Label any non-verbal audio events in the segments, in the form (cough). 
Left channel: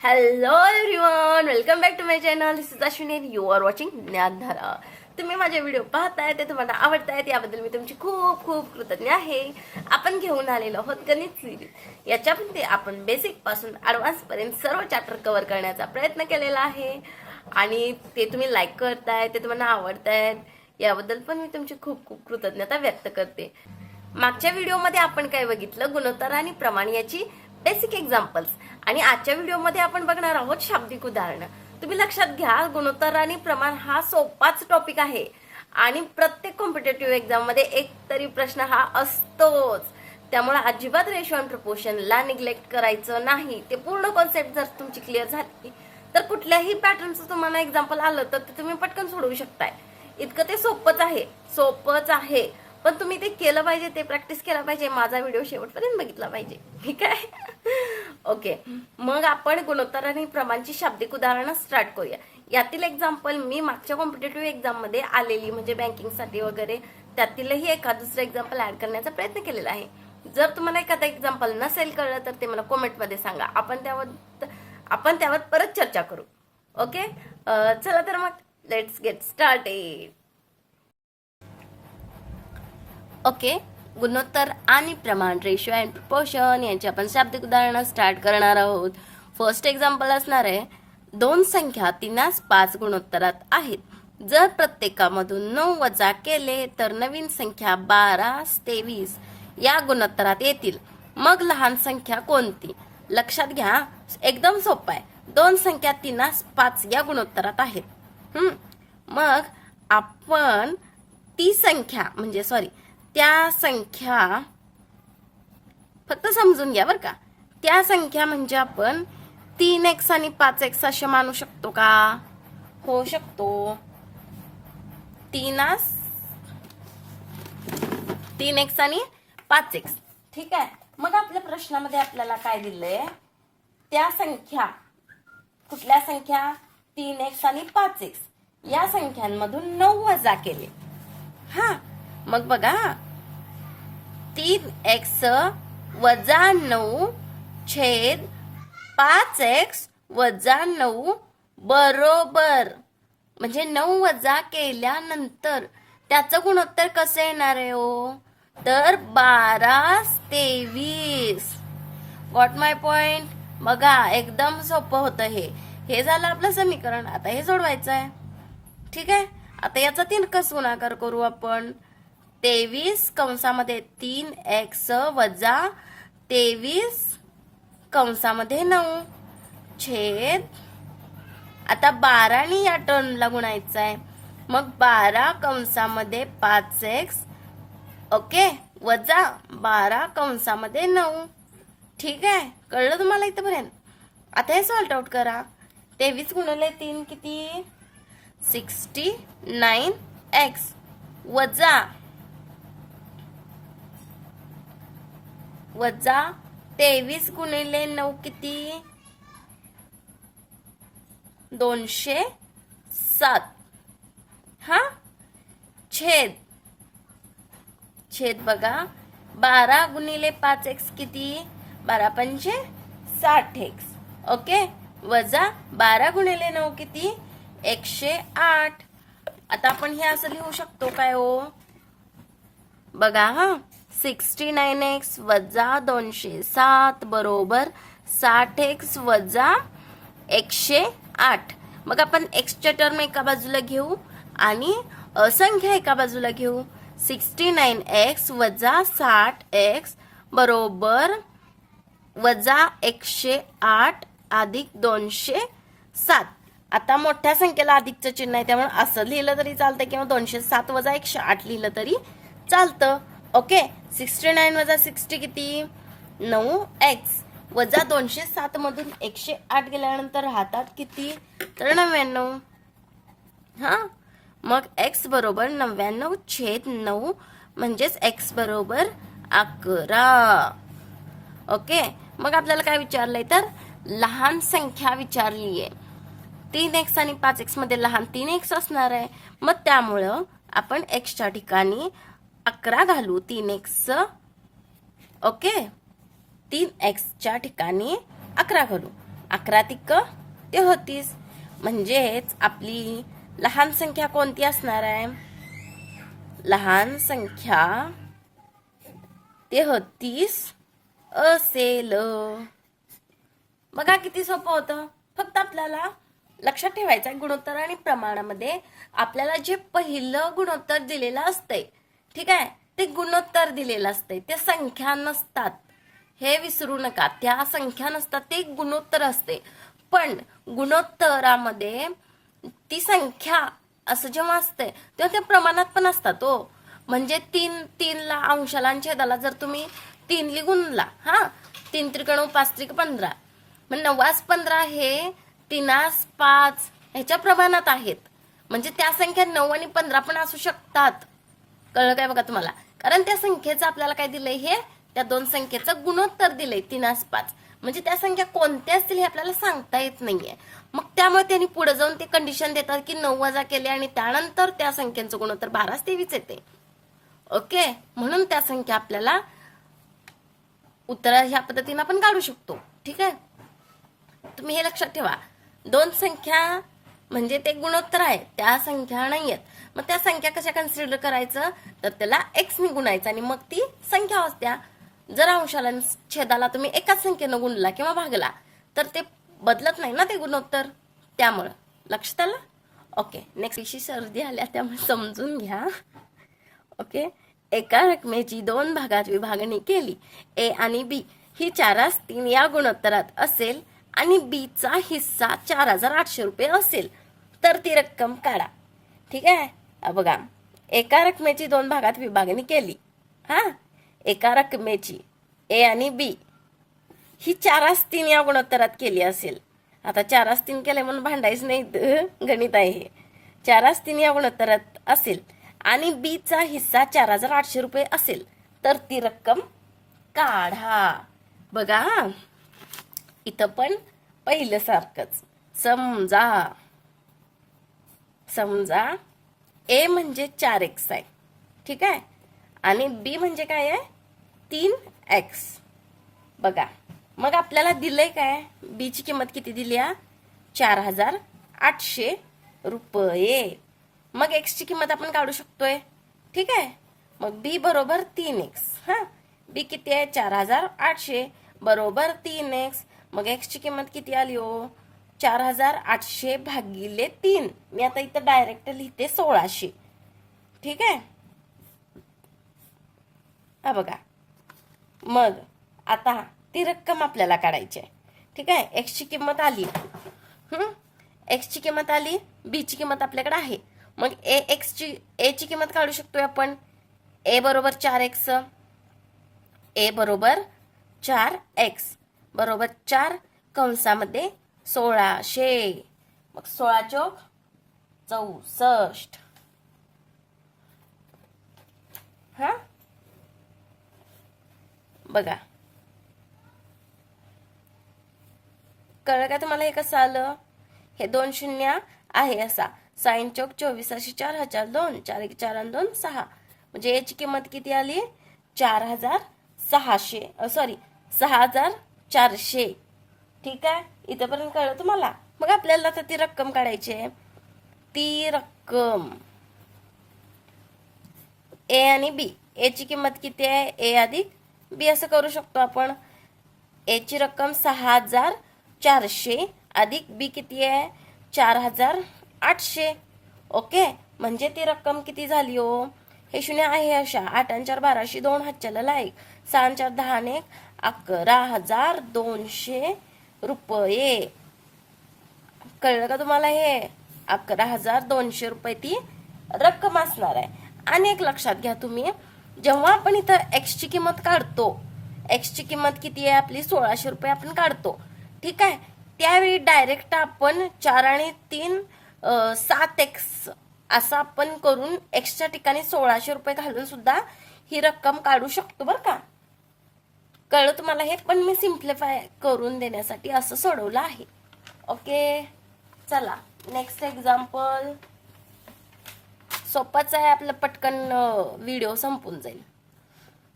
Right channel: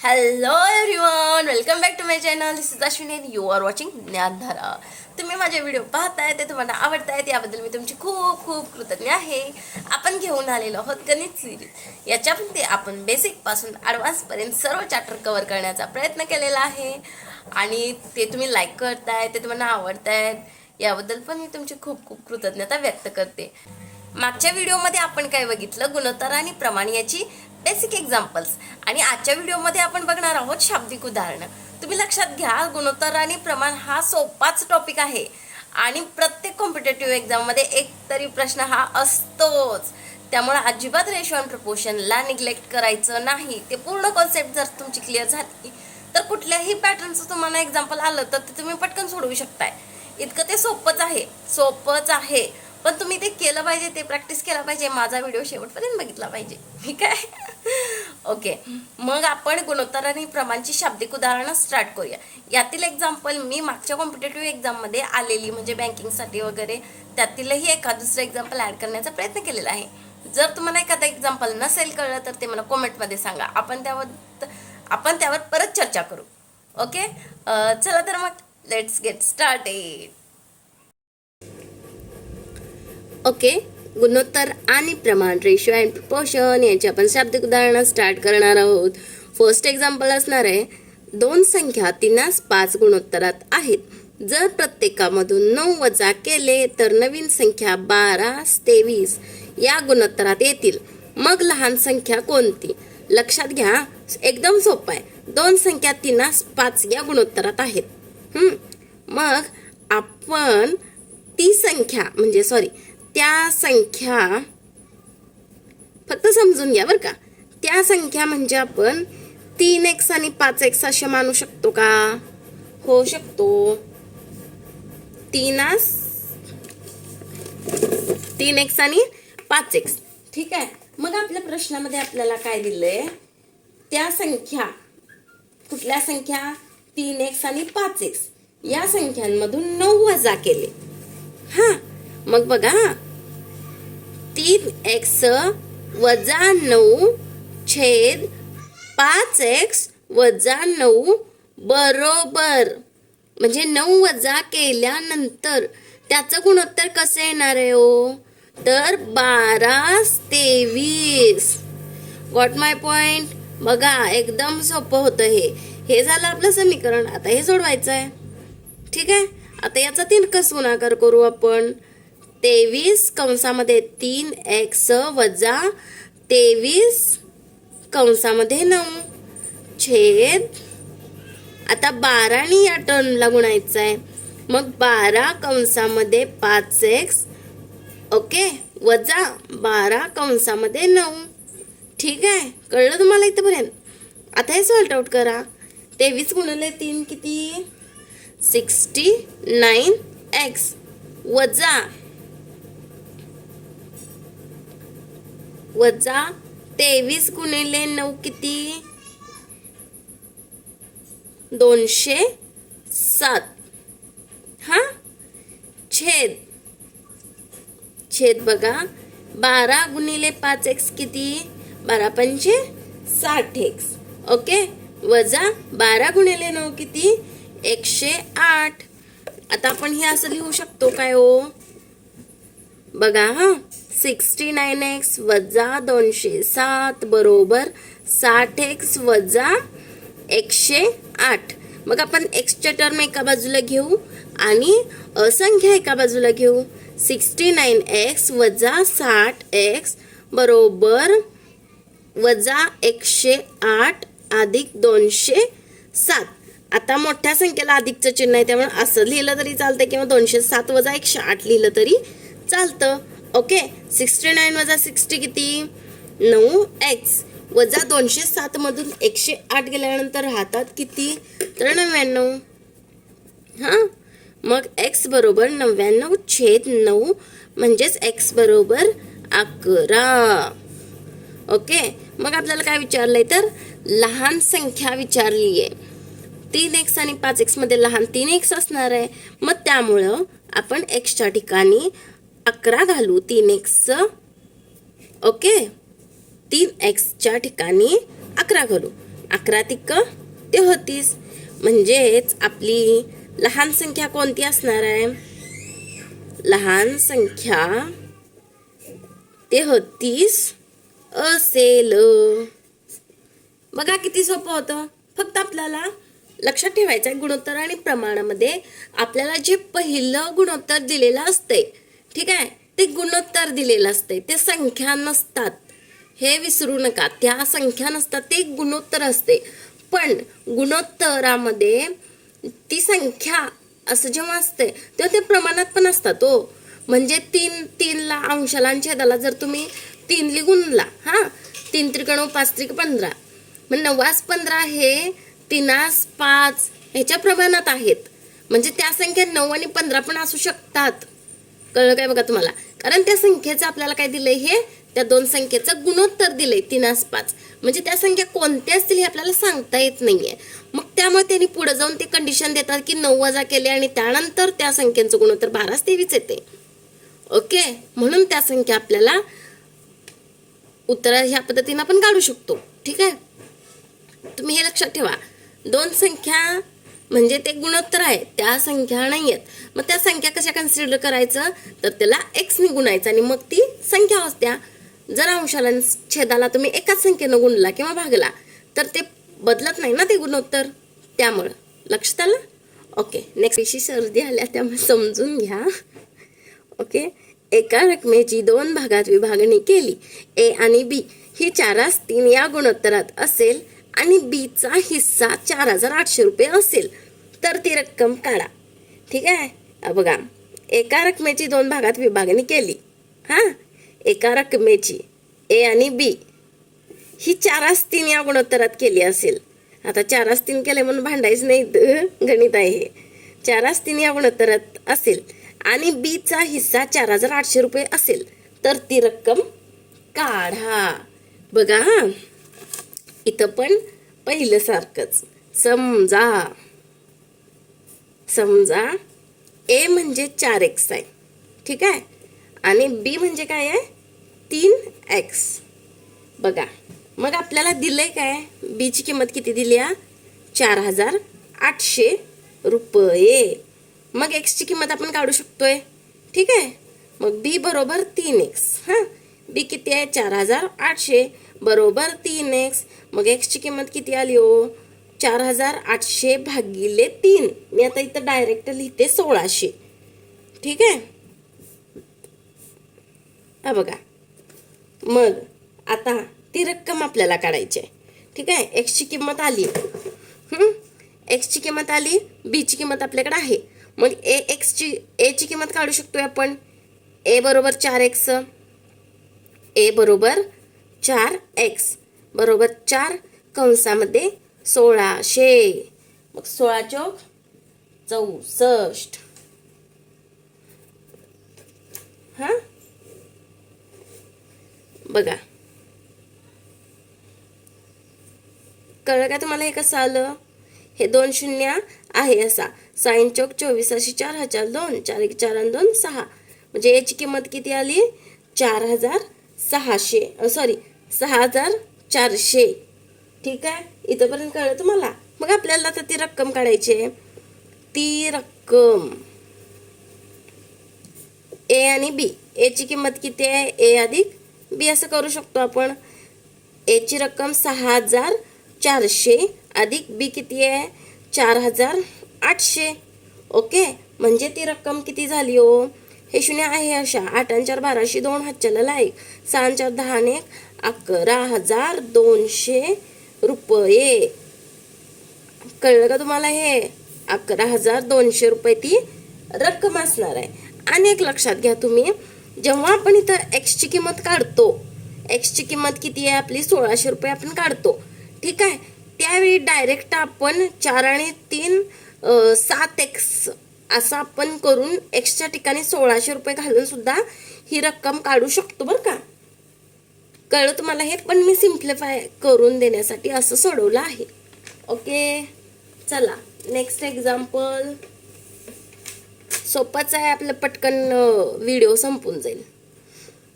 Hello everyone welcome back to my channel this is Ashwini you are watching Gyandhara तुम्ही माझे video पाहताय ते तुम्हाला आवडतायत याबद्दल मी तुमची खूप खूप कृतज्ञ आहे. आपण घेऊन आलेलो आहोत गणित सिरीज याच्यामध्ये आपण बेसिकपासून ॲडव्हान्सपर्यंत सर्व चॅप्टर कव्हर करण्याचा प्रयत्न केलेला आहे. आणि ते तुम्ही लाईक करताय ते तुम्हाला आवडतायत याबद्दल पण मी तुमची खूप खूप कृतज्ञता व्यक्त करते. मागच्या व्हिडिओमध्ये आपण काय बघितलं? गुणोत्तर आणि प्रमाण याची बेसिक एक्झाम्पल्स आणि आजच्या व्हिडिओमध्ये आपण बघणार आहोत शाब्दिक उदाहरणं. तुम्ही लक्षात घ्या गुणोत्तर आणि प्रमाण हा सोपाच टॉपिक आहे. आणि प्रत्येक कॉम्पिटेटिव्ह एक्झाममध्ये एक तरी प्रश्न हा असतोच. त्यामुळे अजिबात रेशो अँड निग्लेक्ट करायचं नाही. ते पूर्ण कॉन्सेप्ट जर तुमची क्लिअर झाली तर कुठल्याही पॅटर्नचं तुम्हाला एक्झाम्पल आलं तर ते तुम्ही पटकन सोडवू शकताय. इतकं ते सोपंच आहे. सोपंच आहे. पण तुम्ही ते केलं पाहिजे ते प्रॅक्टिस केलं पाहिजे माझा व्हिडिओ शेवटपर्यंत बघितला पाहिजे. ठीक आहे? ओके मग आपण गुणोत्तर आणि प्रमाणची शाब्दिक उदाहरणं स्टार्ट करूया. यातील एक्झाम्पल मी मागच्या कॉम्पिटेटिव्ह एक्झाममध्ये आलेली म्हणजे बँकिंगसाठी वगैरे त्यातीलही एखाद दुसरं एक्झाम्पल ॲड करण्याचा प्रयत्न केलेला आहे. जर तुम्हाला एखादं एक्झाम्पल नसेल कळलं तर ते मला कॉमेंटमध्ये सांगा. आपण त्यावर आपण त्यावर परत चर्चा करू. ओके चला तर मग लेट्स गेट स्टार्टेड ओके. गुणोत्तर आणि प्रमाण रेशो अँड प्रपोशन यांची आपण शाब्दिक उदाहरणं स्टार्ट करणार आहोत. फर्स्ट एक्झाम्पल असणार आहे दोन संख्या तिनास पाच गुणोत्तरात आहेत. जर प्रत्येकामधून नऊ वजा केले तर नवीन संख्या बारा तेवीस या गुणोत्तरात येतील. मग लहान संख्या कोणती? लक्षात घ्या एकदम सोपं आहे. दोन संख्या तिनास पाच या गुणोत्तरात आहेत. मग आपण ती संख्या म्हणजे सॉरी त्या संख्या फक्त समजून घ्या बरं का. त्या संख्या म्हणजे आपण तीन एक्स आणि पाच एक्स असे मानू शकतो का? होऊ शकतो. तीनास तीन एक्स आणि पाच एक्स. ठीक आहे? मग आपल्या प्रश्नामध्ये आपल्याला काय दिलंय? त्या संख्या कुठल्या संख्या? तीन एक्स आणि पाच एक्स. या संख्यांमधून नऊ वजा केले. हा मग बघा. तीन एक्स वजा नऊ छेद पाच एक्स वजा नऊ बरोबर. म्हणजे नऊ वजा केल्यानंतर त्याचं गुणोत्तर कसं येणार आहे हो? तर बारा तेवीस. वॉट माय पॉइंट बघा एकदम सोपं होतं हे. हे झालं आपलं समीकरण. आता हे सोडवायचं आहे ठीक आहे? आता याचा तीन कस गुणाकार करू आपण. तेवीस कंसामध्ये तीन एक्स वजा तेवीस कंसामध्ये नऊ. छेद. आता बारानी या टर्नला गुणायचं आहे. मग बारा कंसामध्ये पाच एक्स. ओके? वजा बारा कंसामध्ये नऊ. ठीक आहे? कळलं तुम्हाला इथंपर्यंत? आता हे सॉल्ट आउट करा. तेवीस गुणले तीन किती? Sixty nine x. वजा वजा तेवीस गुणिले नऊ किती? दोनशे सात. हा? छेद. छेद बघा. बारा गुणिले पाच एक्स किती? बारा पंचे साठ एक्स. ओके? वजा बारा गुणिले नऊ किती? एकशे आठ. आता आपण हे असं लिहू शकतो काय हो? बघा हा. सिक्स्टी नाईन एक्स वजा दोनशे सात बरोबर साठ एक्स वजा एकशे आठ. मग आपण एक्सचे टर्म एका बाजूला घेऊ आणि असंख्या एका बाजूला घेऊ. सिक्स्टी नाईन एक्स वजा साठ एक्स बरोबर वजा एकशे आठ अधिक दोनशे सात. आता मोठ्या संख्येला अधिकचं चिन्ह आहे त्यामुळे असं लिहिलं तरी चालतं किंवा दोनशे सात वजा एकशे आठ लिहिलं तरी चालतं. ओके सिक्स्टी नाईन वजा सिक्स्टी किती? नऊ एक्स वजा दोनशे सात मधून एकशे आठ गेल्यानंतर राहतात किती? तर नव्याण्णव. हां? मग एक्स बरोबर नव्याण्णव छेद नऊ म्हणजेच एक्स बरोबर अकरा. ओके मग आपल्याला काय विचारलंय तर? लहान संख्या विचारली आहे तीन एक्स आणि पाच एक्समध्ये लहान तीन एक्स असणार आहे. मग त्यामुळं आपण एक्सच्या ठिकाणी अकरा घालू तीन एक्स ओके तीन एक्सच्या ठिकाणी अकरा घालू. अकरा तिक्क ते होतीस. म्हणजेच आपली लहान संख्या कोणती असणार आहे? लहान संख्या ते होतीस असेल. बघा किती सोपं होतं. फक्त आपल्याला लक्षात ठेवायचं आहे गुणोत्तर आणि प्रमाणामध्ये आपल्याला जे पहिलं गुणोत्तर दिलेलं असतंय ठीक आहे? ते गुणोत्तर दिलेलं असते ते संख्या नसतात. हे विसरू नका. त्या संख्या नसतात ते गुणोत्तर असते. पण गुणोत्तरामध्ये ती संख्या असं जेव्हा असते तेव्हा त्या प्रमाणात पण असतात हो. म्हणजे तीन तीनला अंशाला आणि छेदाला जर तुम्ही तीनली गुणला हां? तीन त्रिकोण पाच त्रिक पंधरा. मग नवास पंधरा हे तीनास पाच ह्याच्या प्रमाणात आहेत. म्हणजे त्या संख्या नऊ आणि पंधरा पण असू शकतात. कळलं काय बघा तुम्हाला? कारण त्या संख्येचं आपल्याला काय दिलंय हे? त्या दोन संख्येचं गुणोत्तर दिलंय तीनास पाच. म्हणजे त्या संख्या कोणत्या असतील हे आपल्याला सांगता येत नाहीये. मग त्यामुळे त्यांनी पुढे जाऊन ते कंडिशन देतात की नऊ वजा केले आणि त्यानंतर त्या संख्येचं गुणोत्तर बाराच तेवीस येते. ओके? म्हणून त्या संख्या आपल्याला उत्तर ह्या पद्धतीनं आपण काढू शकतो. ठीक आहे? तुम्ही हे लक्षात ठेवा. दोन संख्या म्हणजे ते गुणोत्तर आहे त्या संख्या नाही आहेत मग त्या संख्या कशा कन्सिडर करायचं? तर त्याला एक्स ने गुणायचं आणि मग ती संख्या असत्या. जर अंशाला छेदाला तुम्ही एकाच संख्येनं गुणला किंवा भागला तर ते बदलत नाही ना ते गुणोत्तर? त्यामुळं. लक्षात आलं? ओके नेक्स्ट पेशी सर्दी आल्या त्यामुळे समजून घ्या. ओके एका रकमेची दोन भागात विभागणी केली. ए आणि बी ही चारास तीन या गुणोत्तरात असेल. आणि बीचा हिस्सा चार हजार आठशे रुपये असेल तर ती रक्कम काढा. ठीक आहे? बघा एका रकमेची दोन भागात विभागणी केली. हा? एका रकमेची ए आणि बी. ही चारास तीन या गुणोत्तरात केली असेल. आता चारास तीन केले म्हणून भांडायचं नाही द- गणित आहे हे. चारास तीन या गुणोत्तरात असेल आणि बीचा हिस्सा चार हजार आठशे रुपये असेल तर ती रक्कम काढा. बघा हा. इथं पण पहिल्यासारखंच. समजा समजा ए म्हणजे चार एक्स आहे. ठीक आहे? आणि बी म्हणजे काय आहे? तीन एक्स बघा मग आपल्याला दिलंय काय? बीची किंमत किती दिली आहे? चार हजार आठशे रुपये. मग एक्सची किंमत आपण काढू शकतोय. ठीक आहे? मग बी बरोबर तीन एक्स हां? बी किती आहे? चार हजार आठशे. बरोबर तीन एक्स मग एक्सची किंमत किती आली हो? चार हजार आठशे भागिले तीन. मी आता इथं डायरेक्ट लिहिते सोळाशे. ठीक आहे? हा बघा. मग आता ती रक्कम आपल्याला काढायची आहे. ठीक आहे? एक्सची किंमत आली. एक्सची किंमत आली. बीची किंमत आपल्याकडे आहे. मग ए एक्सची एची किंमत काढू शकतोय आपण. ए बरोबर चार एक्स ए बरोबर चार एक्स बरोबर चार कंसामध्ये सोळाशे. मग सोळा चौक चौसष्ट. हा? बघा. कळलं का तुम्हाला हे कसं आलं? हे दोन शून्य आहे असा. साईन चौक चोवीस अशी चार हजार दोन चार एक चार आणि दोन सहा. म्हणजे याची किंमत किती आली? चार हजार सहाशे. सॉरी सहा हजार चारशे. ठीक आहे? इथंपर्यंत कळलं तुम्हाला? मग आपल्याला तर ती रक्कम काढायची आहे. ती रक्कम ए आणि बी एची किंमत किती आहे? ए अधिक बी असं करू शकतो आपण. एची रक्कम सहा हजार चारशे अधिक बी किती आहे? चार हजार आठशे. ओके? म्हणजे ती रक्कम किती झाली हो? हे शून्य आहे अशा. आठ आणि चार बाराशे दोन हातच्याला लाईक. सहा चार दहा एक. अकरा हजार दोनशे रुपये. कळलं का तुम्हाला हे? अकरा हजार दोनशे रुपये ती रक्कम असणार आहे. आणि एक लक्षात घ्या तुम्ही जेव्हा आपण इथं एक्सची किंमत काढतो एक्सची किंमत किती आहे आपली? सोळाशे रुपये आपण काढतो. ठीक आहे? त्यावेळी डायरेक्ट आपण चार आणि तीन सात एक्स असं आपण करून एक्सच्या ठिकाणी सोळाशे रुपये घालून सुद्धा ही रक्कम काढू शकतो बरं का? कळलं तुम्हाला हे पण मी सिम्प्लिफाय करून देण्यासाठी असं सोडवलं आहे. ओके चला नेक्स्ट एक्झाम्पल सोपाच आहे आपलं पटकन व्हिडिओ संपून जाईल.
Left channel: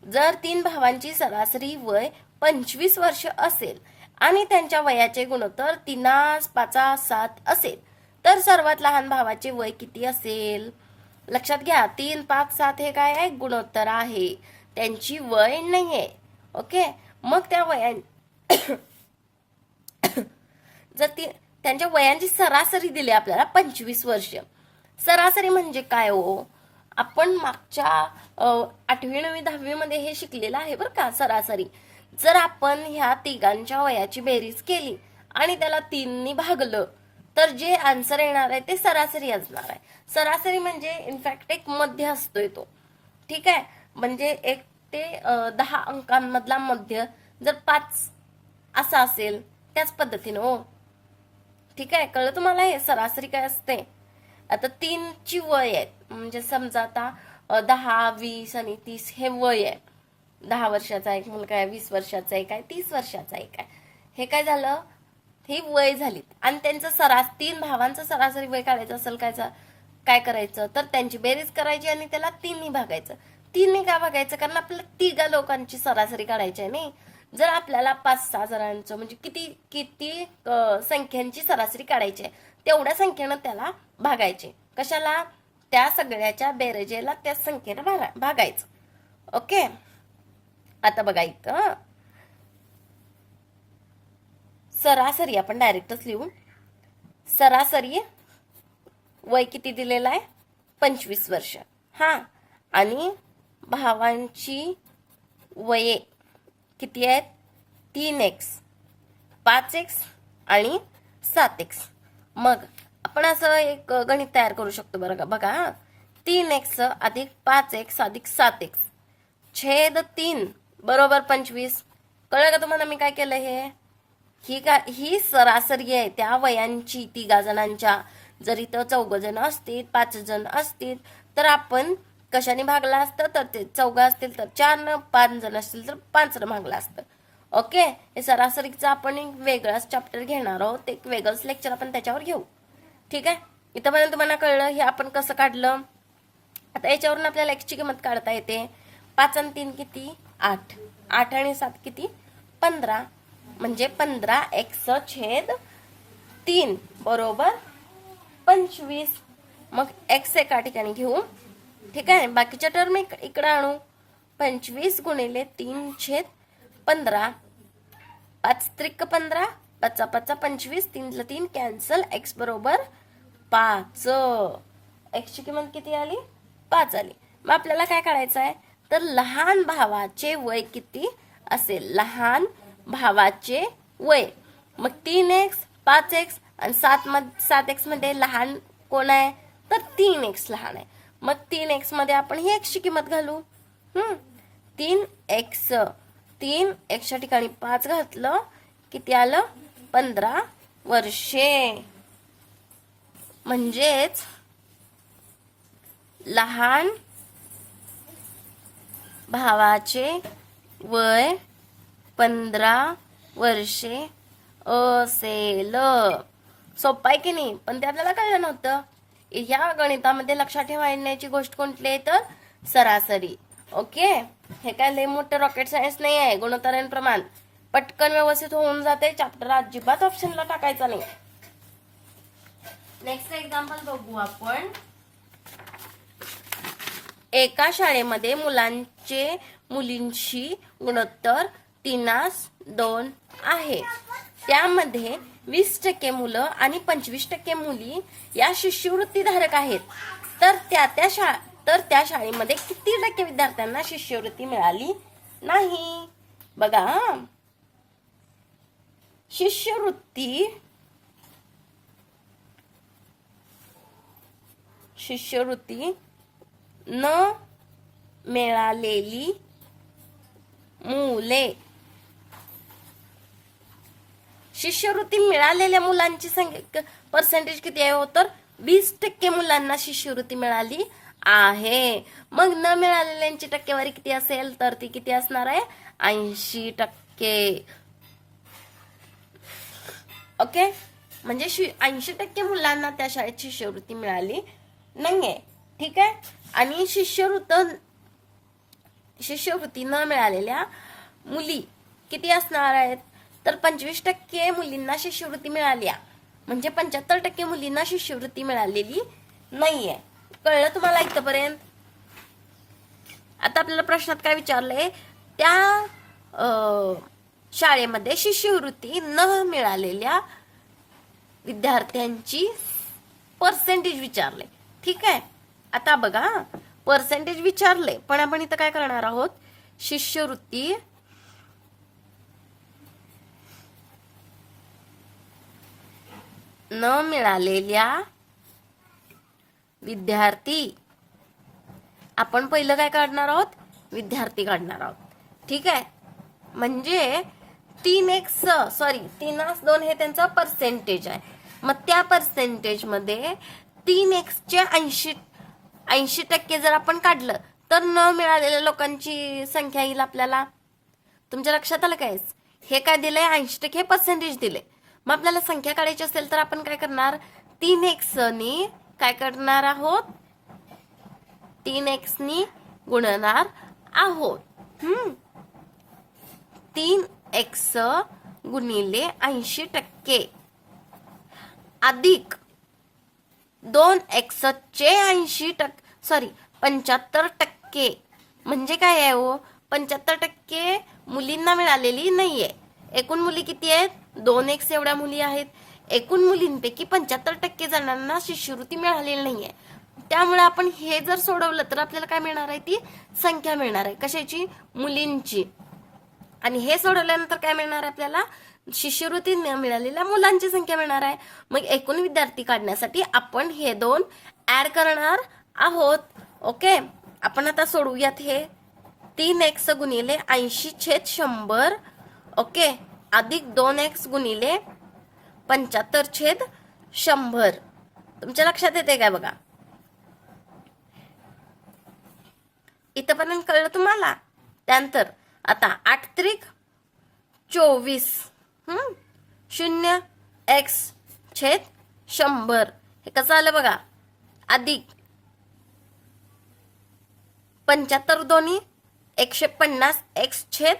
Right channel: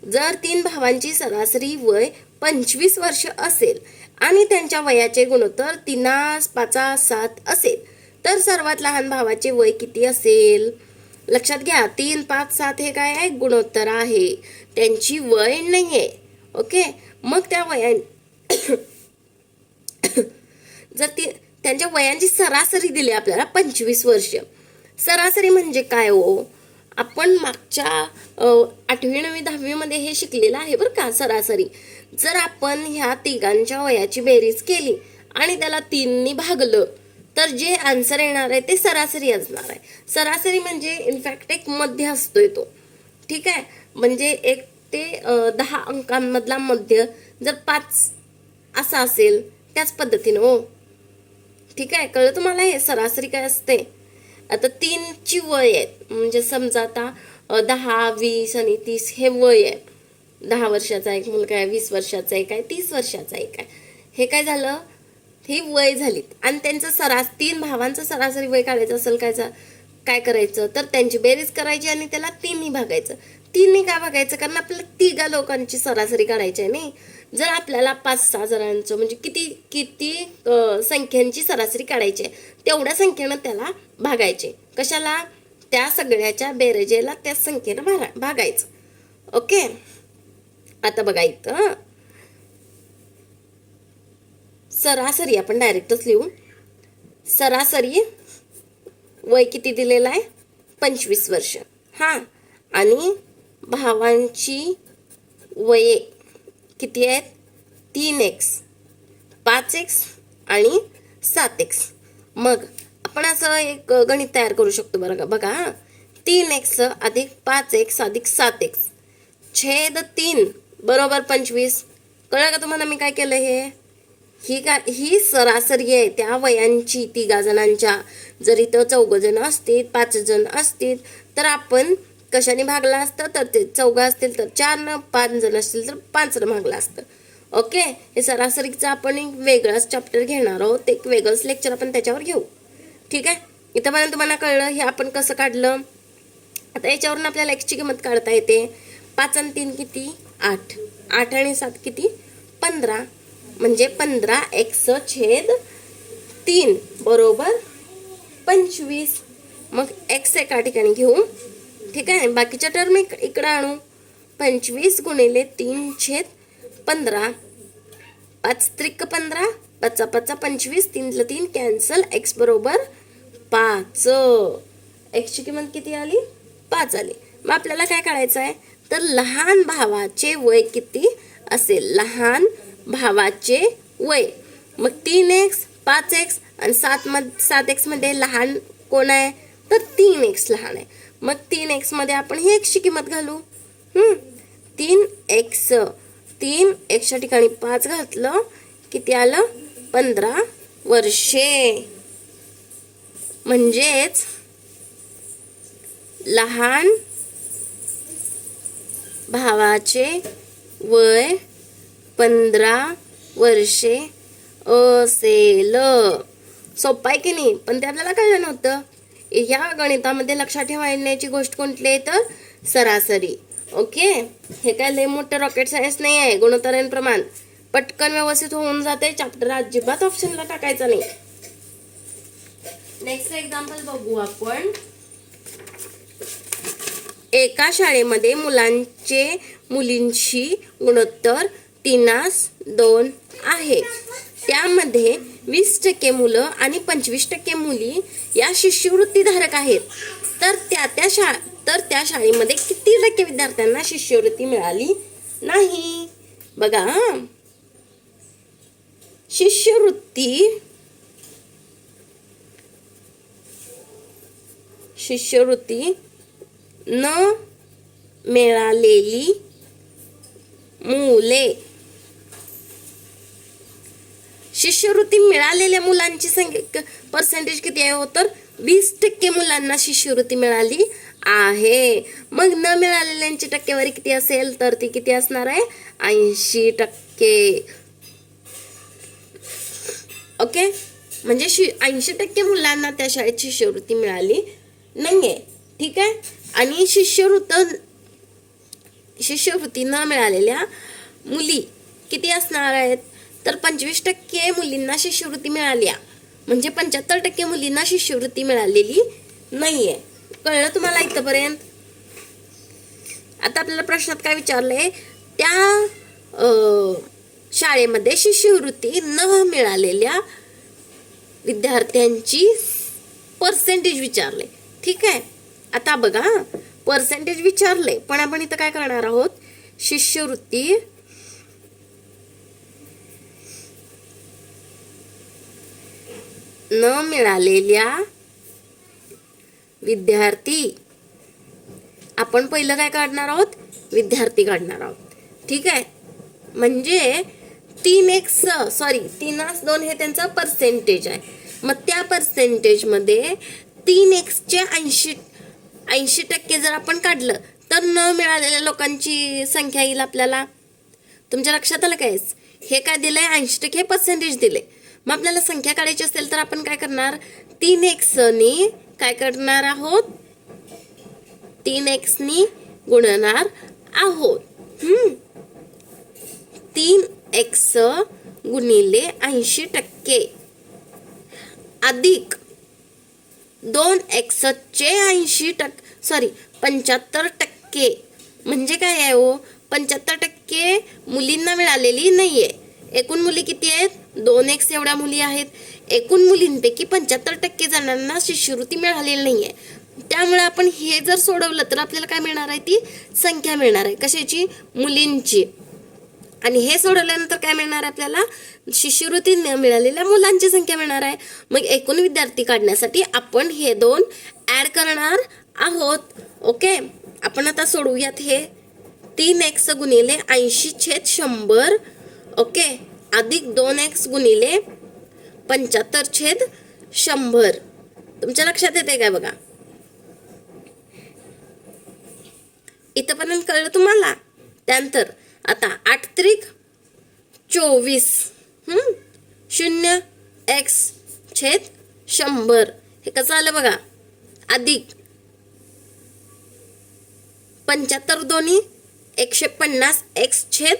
जर तीन भावांची सरासरी वय पंचवीस वर्ष असेल आणि त्यांच्या वयाचे गुणोत्तर तिनास पाचा सात असेल तर सर्वात लहान भावाचे वय किती असेल? लक्षात घ्या तीन पाच सात हे काय आहे? गुणोत्तर आहे. त्यांची वय नाही आहे ओके? मग त्या वया (coughs) जर ती त्यांच्या वयांची सरासरी दिली आपल्याला पंचवीस वर्ष. सरासरी म्हणजे काय हो? आपण मागच्या आठवी नववी दहावीमध्ये हे शिकलेलं आहे बरं का सरासरी. जर आपण ह्या तिघांच्या वयाची बेरीज केली आणि त्याला तीननी भागलं तर जे आन्सर येणार आहे ते सरासरी असणार आहे. सरासरी म्हणजे इनफॅक्ट एक मध्य असतोय तो. ठीक आहे? म्हणजे एक ते दहा अंकांमधला मध्य जर पाच असा असेल त्याच पद्धतीनं हो. ठीक आहे? कळलं तुम्हाला? हे सरासरी काय असते? आता तीनची वय आहेत. म्हणजे समजा आता दहा वीस आणि तीस हे वय आहे दहा वर्षाचा एक मुलगा आहे वीस वर्षाचा एक आहे तीस वर्षाचा एक आहे हे काय झालं? ही वय झालीत. आणि त्यांचं सरास तीन भावांचं सरासरी वय काढायचं असेल काय काय करायचं? तर त्यांची बेरीज करायची आणि त्याला तीनही भागायचं. तीनही का बघायचं? कारण आपल्याला तिघा लोकांची सरासरी काढायची आहे नाही. जर आपल्याला पाच सहा जणांचं म्हणजे किती किती संख्यांची सरासरी काढायची आहे तेवढ्या संख्येनं त्याला भागायचे. कशाला? त्या सगळ्याच्या बेरजेला त्या संख्येनं भागा भागायचं. ओके? आता बघा इथं. सरासरी आपण डायरेक्टच लिहू सरासरी वय किती दिलेलं आहे? पंचवीस वर्ष. हां. आणि भावांची वये किती आहेत? तीन एक्स पाच एक्स आणि सात एक्स मग आपण असं एक गणित तयार करू शकतो बरं का? बघा हां. तीन एक्स अधिक पाच एक्स अधिक सात एक्स छेद तीन बरोबर पंचवीस. कळलं का तुम्हाला मी काय केलं हे? ही का ही सरासरी आहे. त्या वयांची तिघा जणांच्या. जर इथं चौघ जण असतील पाच जण असतील तर आपण कशाने भागला असतं तर ते चौघं असतील तर चार पाच जण असतील तर पाच भागलं असतं. ओके? हे सरासरीचं आपण एक वेगळाच चॅप्टर घेणार आहोत. एक वेगळंच लेक्चर आपण त्याच्यावर घेऊ. ठीक आहे? इथंपर्यंत तुम्हाला कळलं हे आपण कसं काढलं? आता याच्यावरून आपल्याला एक्सची किंमत काढता येते. पाच आणि तीन किती? आठ. आठ आणि सात किती? पंधरा. म्हणजे पंधरा एक्स छेद तीन. बरोबर? पंचवीस. मग एक्स एका ठिकाणी घेऊ. ठीक आहे? बाकीच्या टर्म इक इकडं आणू. पंचवीस गुणिले तीन छेद पंधरा. पाच त्रिक पंधरा पाचा पाचा पंचवीस तीनला तीन कॅन्सल एक्स बरोबर पाच. एक्सची किंमत किती आली? पाच आली. मग आपल्याला काय काढायचं आहे? तर लहान भावाचे वय किती असेल? लहान भावाचे वय. मग तीन एक्स पाच एक्स आणि सात मध सात एक्समध्ये लहान कोण आहे? तर तीन एक्स लहान आहे. मग तीन एक्समध्ये आपण ही एक्सची किंमत घालू. हम्म. तीन एक्स तीन एक्सच्या ठिकाणी पाच घातलं किती आलं? पंधरा वर्षे. म्हणजेच लहान भावाचे वय पंधरा वर्षे असेल. सोपं आहे की नाही? पण ते आपल्याला कळलं नव्हतं. ह्या गणितामध्ये लक्षात ठेवण्याची गोष्ट कोणती आहे तर सरासरी. ओके? हे काय लय मोठं रॉकेट सायन्स नाही आहे गुणोत्तरण प्रमाण. पटकन व्यवस्थित होऊन जाते चॅप्टर अजिबात ऑप्शनला टाकायचा नाही. नेक्स्ट एक्झाम्पल बघू आपण. एका शाळेमध्ये मुलांचे मुलींशी गुणोत्तर तीनास दोन आहे. त्यामध्ये वीस टक्के मुलं आणि पंचवीस टक्के मुली या शिष्यवृत्तीधारक आहेत. तर त्या त्या शाळा तर त्या शाळेमध्ये किती टक्के विद्यार्थ्यांना शिष्यवृत्ती मिळाली? नाही. बघा शिष्यवृत्ती शिष्यवृत्ती न मिळालेली मुले शिष्यवृत्ती मिळालेल्या मुलांची संख्या पर्सेंटेज किती आहे हो तर? वीस टक्के मुलांना शिष्यवृत्ती मिळाली आहे. मग न मिळालेल्यांची टक्केवारी किती असेल तर ती किती असणार आहे? ऐंशी टक्के. ओके? म्हणजे शि ऐंशी टक्के मुलांना त्या शाळेत शिष्यवृत्ती मिळाली नाहीये. ठीक आहे? आणि शिष्यवृत्त शिष्यवृत्ती न मिळालेल्या मुली किती असणार आहेत? तर पंचवीस टक्के मुलींना शिष्यवृत्ती मिळाली आहे. म्हणजे पंच्याहत्तर टक्के मुलींना शिष्यवृत्ती मिळालेली नाही आहे कळलं तुम्हाला इथंपर्यंत? आता आपल्याला प्रश्नात काय विचारलंय? त्या शाळेमध्ये शिष्यवृत्ती न मिळालेल्या विद्यार्थ्यांची पर्सेंटेज विचारले ठीक आहे? आता बघा पर्सेंटेज विचारले पण आपण इथं काय करणार आहोत? शिष्यवृत्ती न मिळालेल्या विद्यार्थी. आपण पहिलं काय काढणार आहोत? विद्यार्थी काढणार आहोत. ठीक आहे? म्हणजे तीन एक स सॉरी तीनास दोन हे त्यांचा पर्सेंटेज आहे. मग त्या पर्सेंटेजमध्ये तीन एक्सचे ऐंशी ऐंशी टक्के जर आपण काढलं तर न मिळालेल्या लोकांची संख्या येईल आपल्याला. तुमच्या लक्षात आलं काय हे काय दिलंय? ऐंशी टक्के पर्सेंटेज दिले मग आपल्याला संख्या काढायची असेल तर आपण काय करणार? तीन एक्सने काय करणार आहोत? तीन एक्सनी गुणणार आहोत. हम्म. तीन एक्स गुणिले ऐंशी टक्के. अधिक दोन एक्सचे ऐंशी टक्के सॉरी पंच्याहत्तर टक्के. म्हणजे काय आहे हो? पंच्याहत्तर टक्के मुलींना मिळालेली नाही आहे एकूण मुली किती आहेत? दोन एक्स एवढ्या मुली आहेत. एकूण मुलींपैकी पंच्याहत्तर टक्के जणांना शिष्यवृत्ती मिळालेली नाही आहे त्यामुळे आपण हे जर सोडवलं तर आपल्याला काय मिळणार आहे? ती संख्या मिळणार आहे. कशाची? मुलींची. आणि हे सोडवल्यानंतर काय मिळणार आहे आपल्याला? शिष्यवृत्ती न मिळालेल्या मुलांची संख्या मिळणार आहे. मग एकूण विद्यार्थी काढण्यासाठी आपण हे दोन ॲड करणार आहोत. ओके? आपण आता सोडवूयात हे. तीन एक्स गुणिले ऐंशी छेद शंभर ओके. अधिक दोन एक्स गुणिले पंच्याहत्तर छेद शंभर. तुमच्या लक्षात येते काय बघा? इथंपर्यंत कळलं तुम्हाला? त्यानंतर आता आठ त्रिक चोवीस शून्य एक्स छेद शंभर. हे कसं आलं बघा? अधिक पंच्याहत्तर दोन्ही एकशे पन्नास एक्स छेद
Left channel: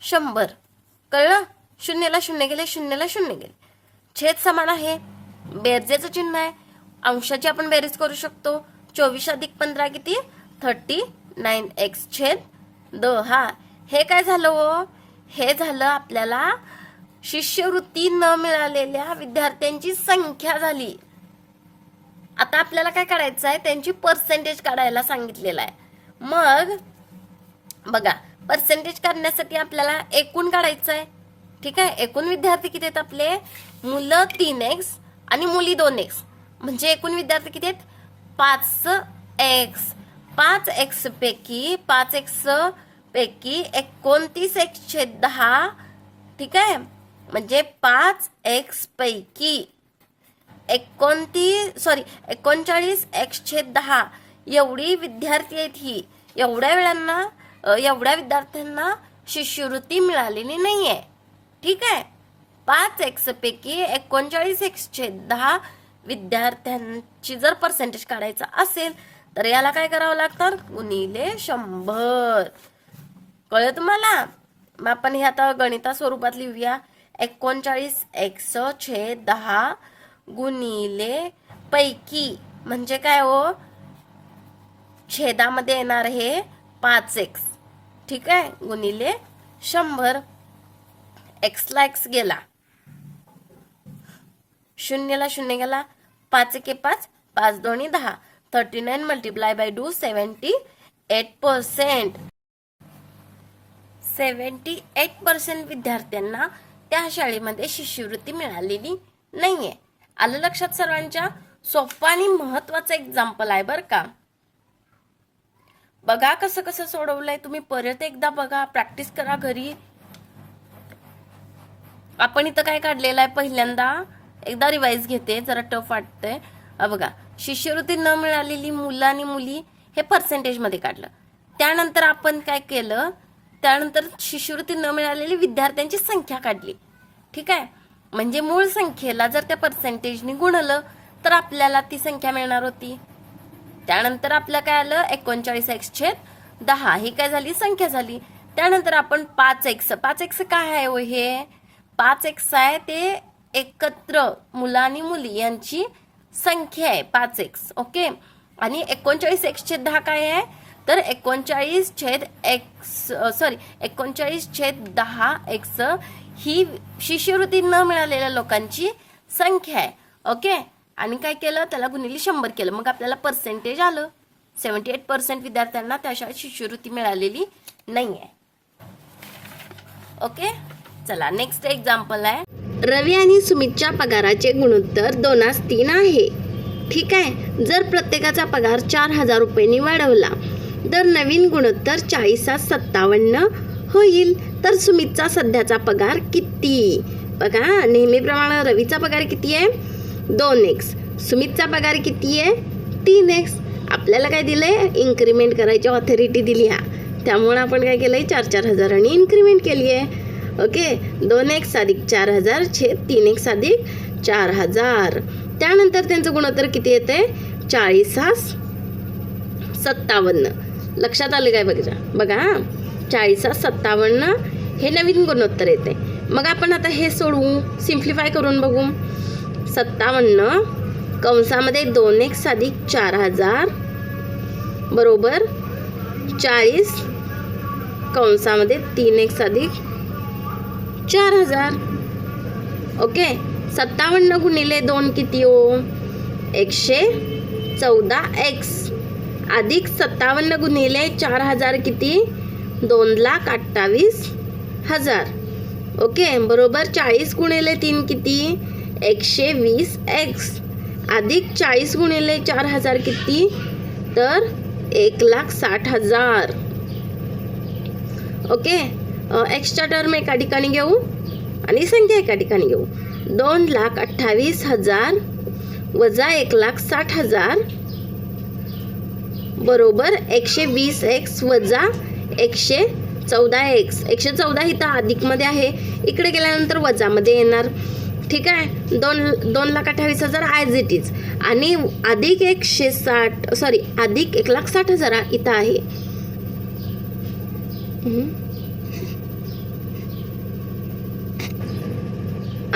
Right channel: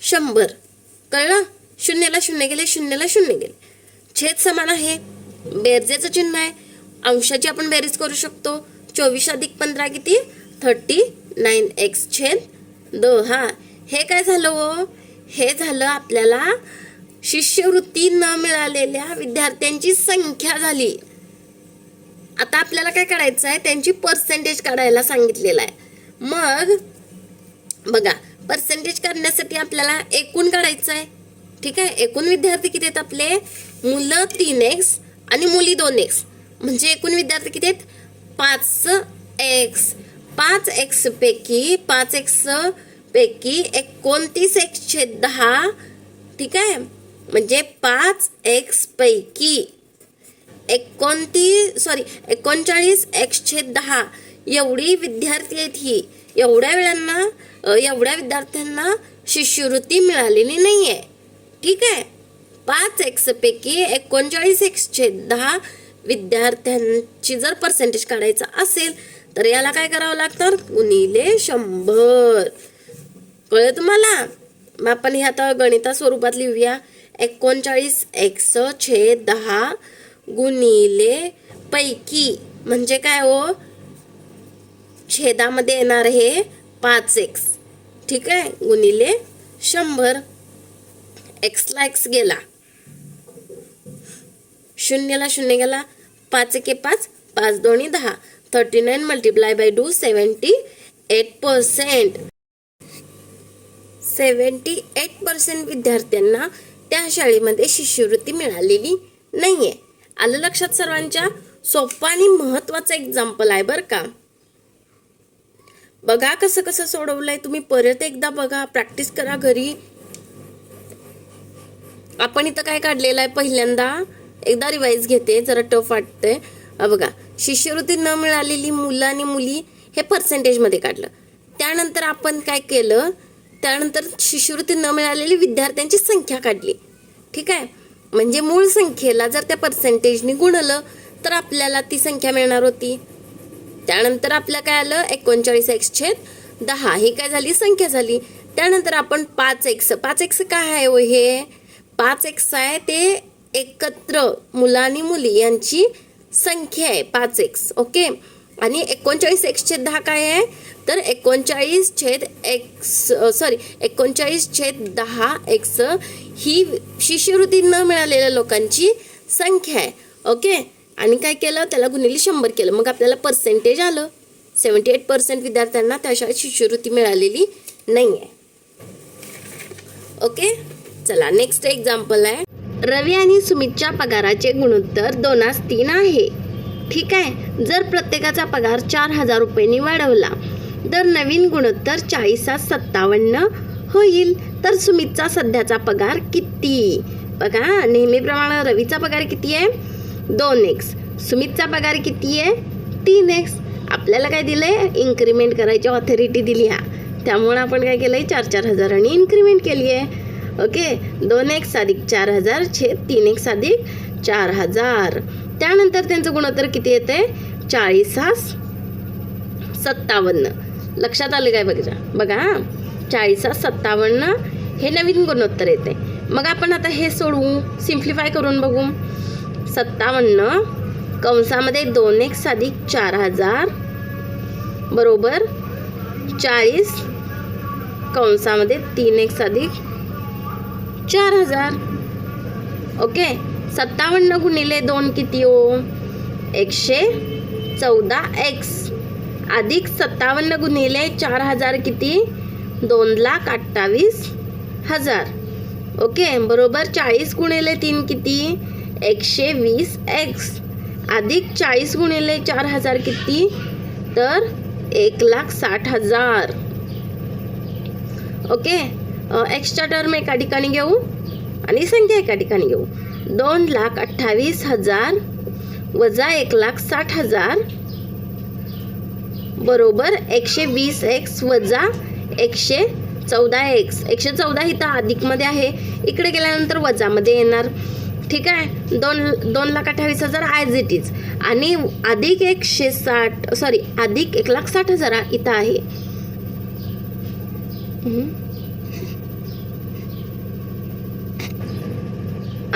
शंभर. कळलं? शून्याला शून्य गेले शून्याला शून्य गेले. छेद समान आहे. बेरजेचं चिन्ह आहे. अंशाची आपण बेरीज करू शकतो. चोवीस अधिक पंधरा किती? थर्टी नाईन एक्स छेद दहा. हे काय झालं हो? हे झालं आपल्याला शिष्यवृत्ती न मिळालेल्या विद्यार्थ्यांची संख्या झाली. आता आपल्याला काय काढायचं आहे? त्यांची पर्सेंटेज काढायला सांगितलेलं आहे. मग बघा पर्सेंटेज काढण्यासाठी आपल्याला एकूण काढायचं आहे ठीक आहे? एकूण विद्यार्थी किती आहेत आपले? मुलं तीन एक्स आणि मुली दोन एक्स म्हणजे एकूण विद्यार्थी किती आहेत? पाच एक्स पाच एक्स पैकी पाच एक्स पैकी एकोणतीस एक्स छेद दहा. ठीक आहे? म्हणजे पाच एक्स पैकी एकोणतीस सॉरी एकोणचाळीस एक्स छेद दहा. एवढी विद्यार्थी आहेत ही. एवढ्या वेळांना एवढ्या विद्यार्थ्यांना शिष्यवृत्ती मिळालेली नाही आहे ठीक आहे? पाच एक्सपैकी एकोणचाळीस एक्सचे दहा विद्यार्थ्यांची जर पर्सेंटेज काढायचा असेल तर याला काय करावं लागतं गुणिले शंभर. कळलं तुम्हाला? मग आपण हे आता गणिता स्वरूपात लिहूया. एकोणचाळीस एक्स छे दहा गुणिले पैकी म्हणजे काय हो? छेदामध्ये येणार हे पाच एक्स ठीक आहे? गुणिले शंभर एक्सला एक्स गेला. शून्यला शून्य गेला. पाच एके पाच पाच दोन्ही दहा. Thirty nine multiply by two seventy eight percent seventy eight percent विद्यार्थ्यांना त्या शाळेमध्ये शिष्यवृत्ती मिळालेली नाही आहे आलं लक्षात सर्वांच्या? सोपं आणि महत्वाचं एक्झाम्पल आहे बरं का. बघा कसं कसं सोडवलंय. तुम्ही परत एकदा बघा प्रॅक्टिस करा घरी. आपण इथं काय काढलेलं आहे? पहिल्यांदा एकदा रिवाईज घेते जरा टफ वाटतंय. बघा शिष्यवृत्ती न मिळालेली मुलं आणि मुली हे पर्सेंटेजमध्ये काढलं. त्यानंतर आपण काय केलं? त्यानंतर शिष्यवृत्ती न मिळालेली विद्यार्थ्यांची संख्या काढली. ठीक आहे? म्हणजे मूळ संख्येला जर त्या पर्सेंटेजने गुणलं तर आपल्याला ती संख्या मिळणार होती. त्यानंतर आपलं काय आलं? एकोणचाळीस एक्स छेद दहा. ही काय झाली? संख्या झाली. त्यानंतर आपण पाच एक्स पाच एक्स काय आहे हो हे? पाच एक्स आहे ते एकत्र मुलं आणि मुली यांची संख्या आहे. पाच एक्स ओके? आणि एकोणचाळीस एक्स छेद दहा काय आहे? तर एकोणचाळीस छेद एक्स सॉरी एकोणचाळीस छेद दहा एक्स ही शिष्यवृत्ती न मिळालेल्या लोकांची संख्या आहे. ओके? आणि काय केलं? त्याला गुणिले शंभर केलं. मग आपल्याला पर्सेंटेज आलं. सेवन्टी एट पर्सेंट विद्यार्थ्यांना त्याशिवाय शिष्यवृत्ती मिळालेली नाही आहे ओके? चला नेक्स्ट एक्झाम्पल आहे. रवी आणि सुमितच्या पगाराचे गुणोत्तर दोनास तीन आहे. ठीक आहे? जर प्रत्येकाचा पगार चार हजार रुपयांनी वाढवला तर नवीन गुणोत्तर चाळीसात सत्तावन्न होईल. तर सुमितचा सध्याचा पगार किती? बघा नेहमीप्रमाणे रवीचा पगार किती आहे? दोन एक्स सुमितचा पगार किती आहे? तीन एक्स आपल्याला काय दिलं आहे इन्क्रीमेंट करायची ऑथॉरिटी दिली हा. त्यामुळं आपण काय केलं आहे चार चार हजारांनी इन्क्रीमेंट केली आहे. ओके? दोन एक्स अधिक चार हजार छे तीन एक्स अधिक चार हजार. त्यानंतर त्यांचं गुणोत्तर किती येते? चाळीसास सत्तावन्न. लक्षात आलं काय बघा? बघा चाळीसास सत्तावन्न. हे नवीन गुणोत्तर येते. मग आपण आता हे सोडवू सिम्प्लिफाय करून बघू. सत्तावन्न कंसामध्ये दोन एक साधिक चार हजार बरोबर? चाळीस कंसामध्ये तीन एक साधिक चार हजार. ओके? सत्तावन्न गुणिले दोन किती हो? एकशे चौदा एक्स. अधिक सत्तावन्न गुणिले चार हजार किती? दोन लाख अठ्ठावीस हजार. ओके? बरोबर? चाळीस गुणिले तीन किती? एकशे वीस एक्स अधिक चाळीस गुणिले चार हजार किती? तर एक लाख साठ हजार. ओके? एक्स्ट्रा टर्म एका ठिकाणी घेऊ आणि संख्या एका ठिकाणी घेऊ. दोन लाख अठ्ठावीस हजार वजा एक लाख साठ हजार बरोबर एकशे वीस एक्स वजा एकशे चौदा एक्स एकशे चौदा इथं अधिकमध्ये आहे. इकडे गेल्यानंतर वजामध्ये येणार. ठीक आहे? दोन दोन लाख अठ्ठावीस हजार ॲज इट इज आणि अधिक एकशे साठ सॉरी अधिक एक लाख साठ हजार इथं आहे.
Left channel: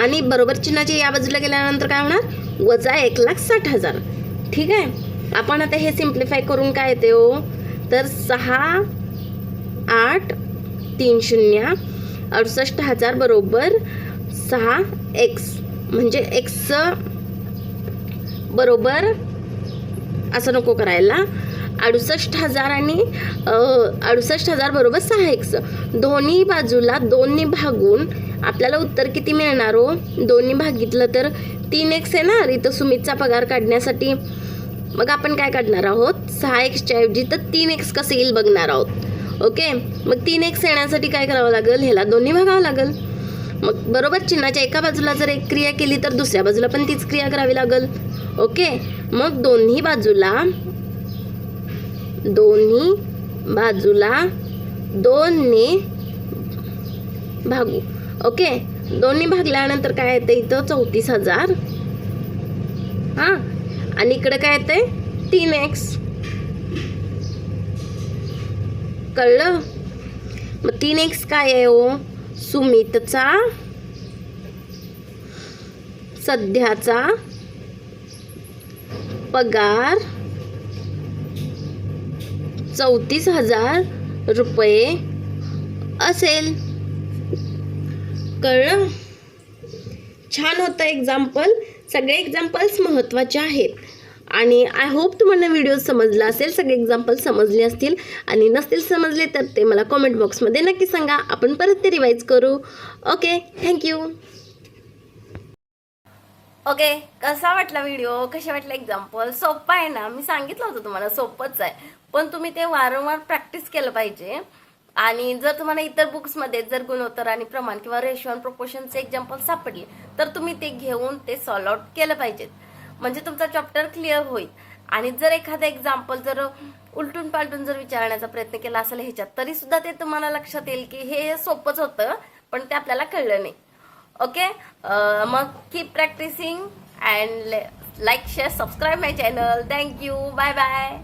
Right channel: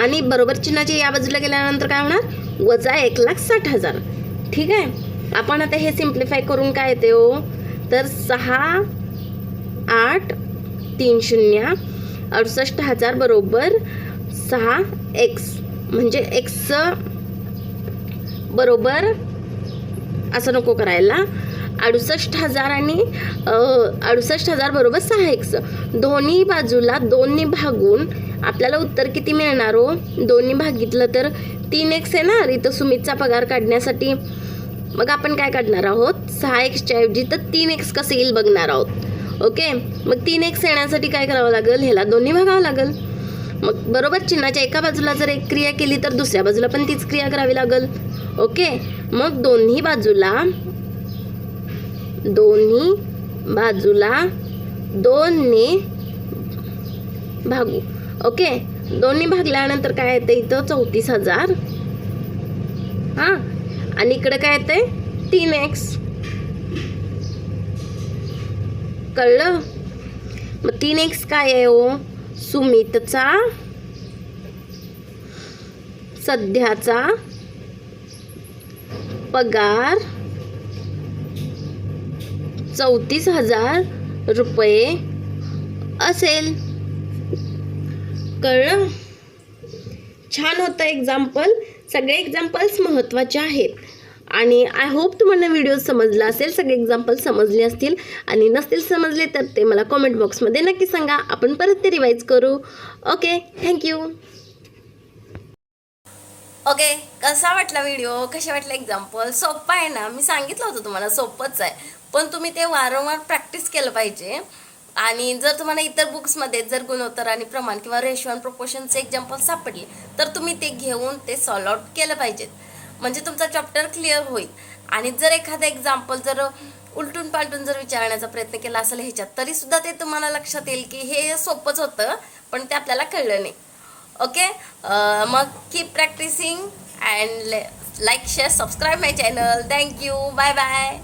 आणि बरोबर चिन्हाचे या बाजूला गेल्यानंतर काय होणार? वजा एक लाख साठ हजार. ठीक आहे? आपण आता हे सिम्प्लिफाय करून काय येते हो? तर सहा आठ तीन शून्य अडुसष्ट हजार बरोबर सहा एक्स म्हणजे एक्स बरोबर असं नको करायला. अडुसष्ट हजार आणि अडुसष्ट हजार बरोबर सहा एक्स दोन्ही बाजूला दोन्ही भागून आपल्याला उत्तर किती मिळणार हो? दोन्ही भागितलं तर तीन एक्स येणार इथं सुमितचा पगार काढण्यासाठी. मग आपण काय काढणार आहोत? सहा एक्सच्या ऐवजी तर तीन एक्स कसं येईल बघणार आहोत. ओके? मग तीन एक्स येण्यासाठी काय करावं लागेल? ह्याला दोन्ही भागावं लागेल. मग बरोबर चिन्हाच्या एका बाजूला जर एक क्रिया केली तर दुसऱ्या बाजूला पण तीच क्रिया करावी लागेल. ओके? मग दोन्ही बाजूला दोन्ही बाजूला दोनने भागू. ओके? दोन्ही भागल्यानंतर काय येतं इथं? चौतीस हजार. हां? आणि इकडे काय येतंय? तीन एक्स कळलं? मग तीन एक्स काय आहे हो? सुमितचा सध्याचा पगार चौतीस हजार रुपये असेल. कळलं? छान होतं एक्झाम्पल सगळे एक्झाम्पल्स महत्त्वाचे आहेत. आणि आय होप तुम्हाला व्हिडिओ समजला असेल सगळे एक्झाम्पल समजले असतील आणि नसतील समजले तर ते मला कॉमेंट बॉक्समध्ये नक्की सांगा. आपण परत ते रिवाईज करू. ओके थँक्यू ओके कसा वाटला व्हिडिओ कसे वाटला एक्झाम्पल सोपं आहे ना. मी सांगितलं होतं तुम्हाला सोपंच आहे. पण तुम्ही ते वारंवार प्रॅक्टिस केलं पाहिजे. आणि जर तुम्हाला इतर बुक्समध्ये जर गुणोत्तर आणि प्रमाण किंवा रेशो आणि प्रपोशनचे एक्झाम्पल सापडले तर तुम्ही ते घेऊन ते सॉल्व आउट केलं पाहिजेत. म्हणजे तुमचा चॅप्टर क्लिअर होईल. आणि जर एखादं एक्झाम्पल जर उलटून पालटून जर विचारण्याचा प्रयत्न केला असेल ह्याच्यात तरी सुद्धा ते तुम्हाला लक्षात येईल की हे सोपंच होतं पण ते आपल्याला कळलं नाही. ओके मग keep practicing and like share subscribe my channel thank you bye bye